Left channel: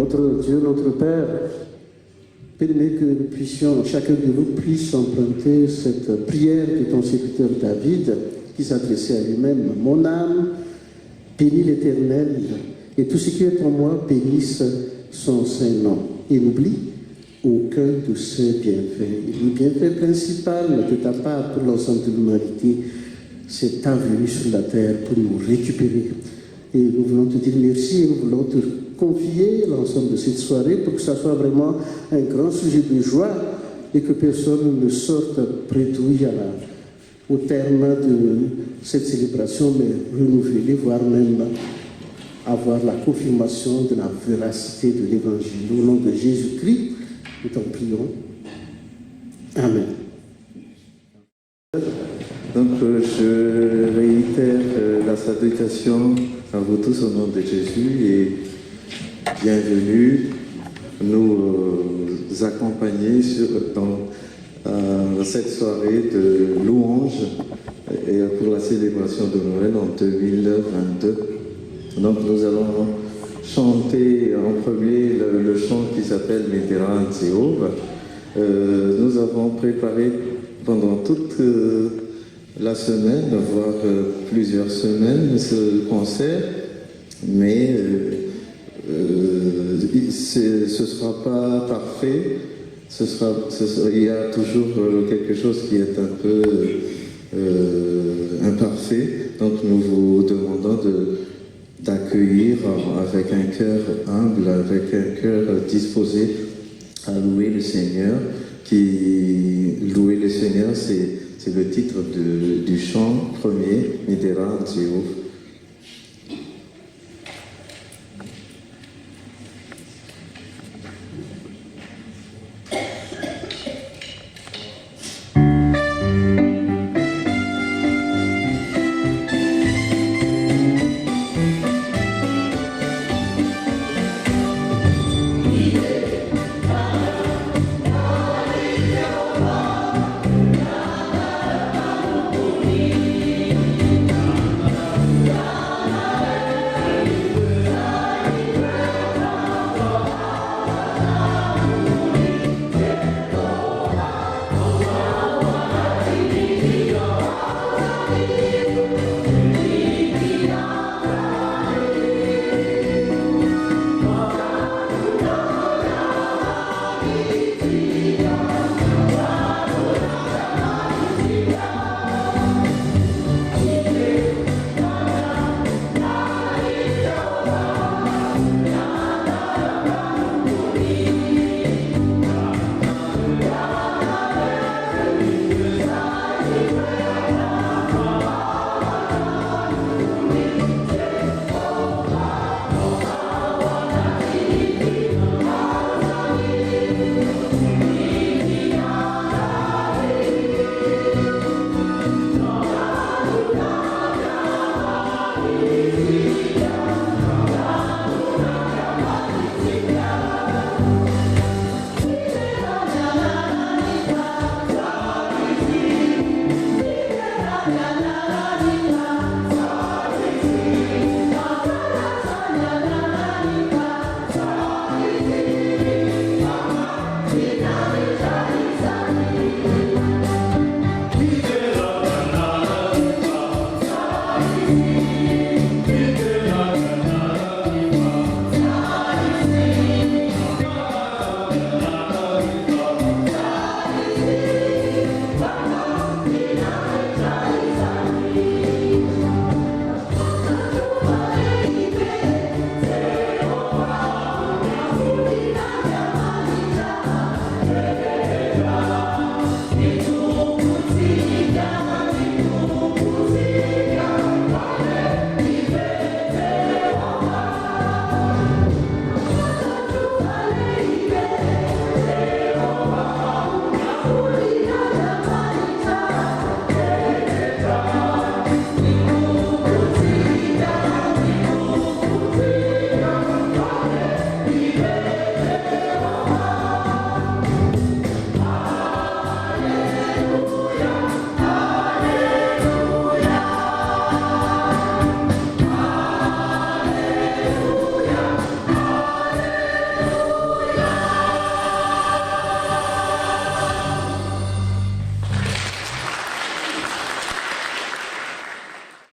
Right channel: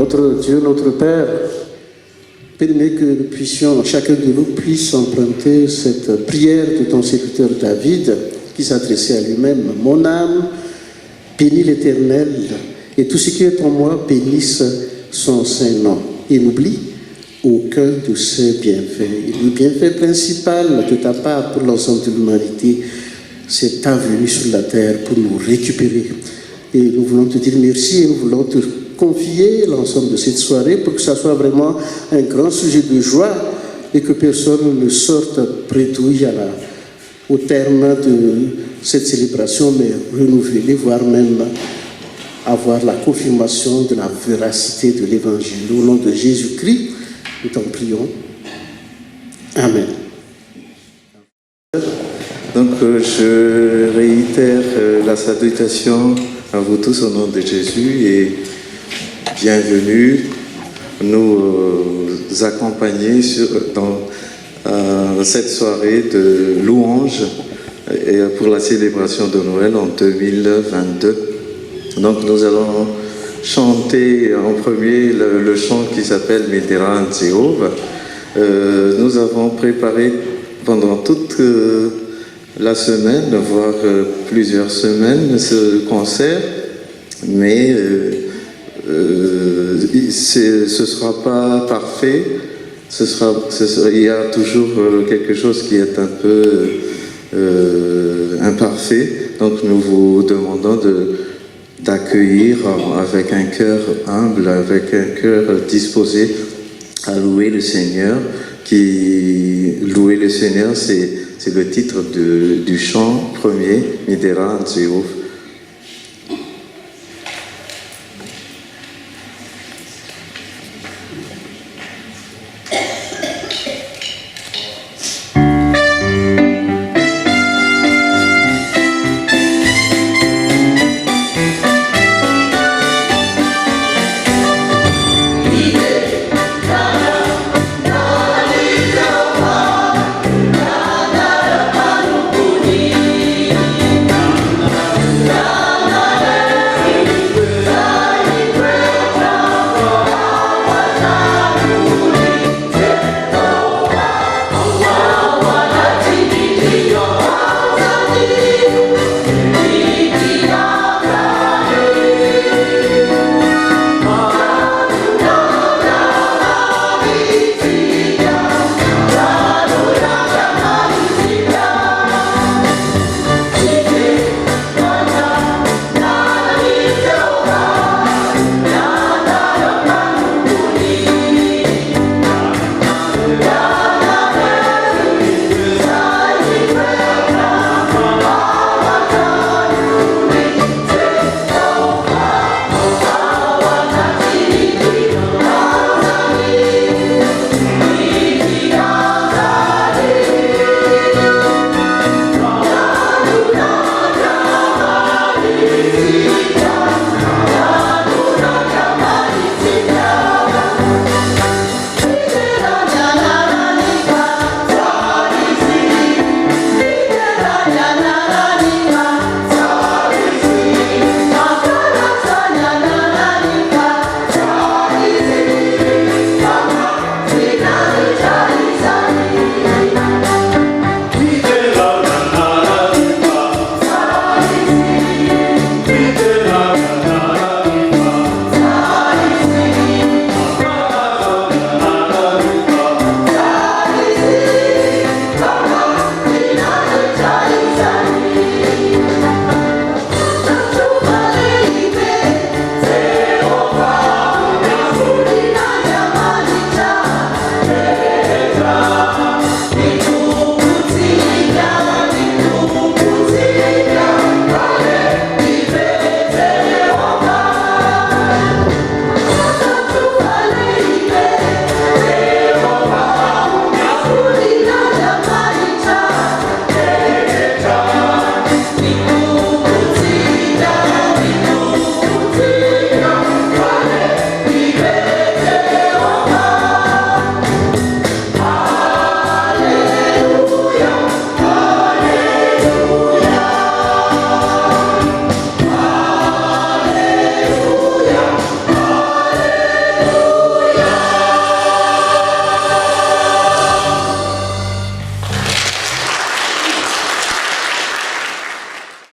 Notre Dieu, notre Père, permets que nous puissions, chacun de nous puisse emprunter cette prière de ton serviteur David, qui s'adressait à lui-même. Mon âme bénit l'Éternel, et tout ce qui est en moi bénisse son saint nom. Et n'oublie aucun de ses bienfaits. Et le bienfait principal de ta part pour l'ensemble de l'humanité, c'est ta venue sur la terre pour nous récupérer. Et nous voulons te dire merci et nous voulons te confier l'ensemble de cette soirée pour que ça soit vraiment un grand sujet de joie et que personne ne sorte bredouille au terme de cette célébration, mais renouvelée, voire même avoir la confirmation de la véracité de l'Évangile. Au nom de Jésus-Christ, nous t'en prions. Amen. Donc, je réitère la salutation à vous tous au nom de Jésus et bienvenue nous accompagner dans cette soirée de louange et pour la célébration de Noël en 2022. Donc, nous allons chanter en premier le chant qui s'appelle Medera Jéhovah. Nous avons préparé pendant toute la semaine, voire plusieurs semaines, ce concert, mais ce ne sera pas parfait. Il y a toujours quelque chose qui est un peu imparfait. Donc nous vous demandons d'accueillir avec un cœur humble, avec un cœur disposé à louer le Seigneur. Louer le Seigneur, c'est le titre du chant premier, Medera Jéhovah.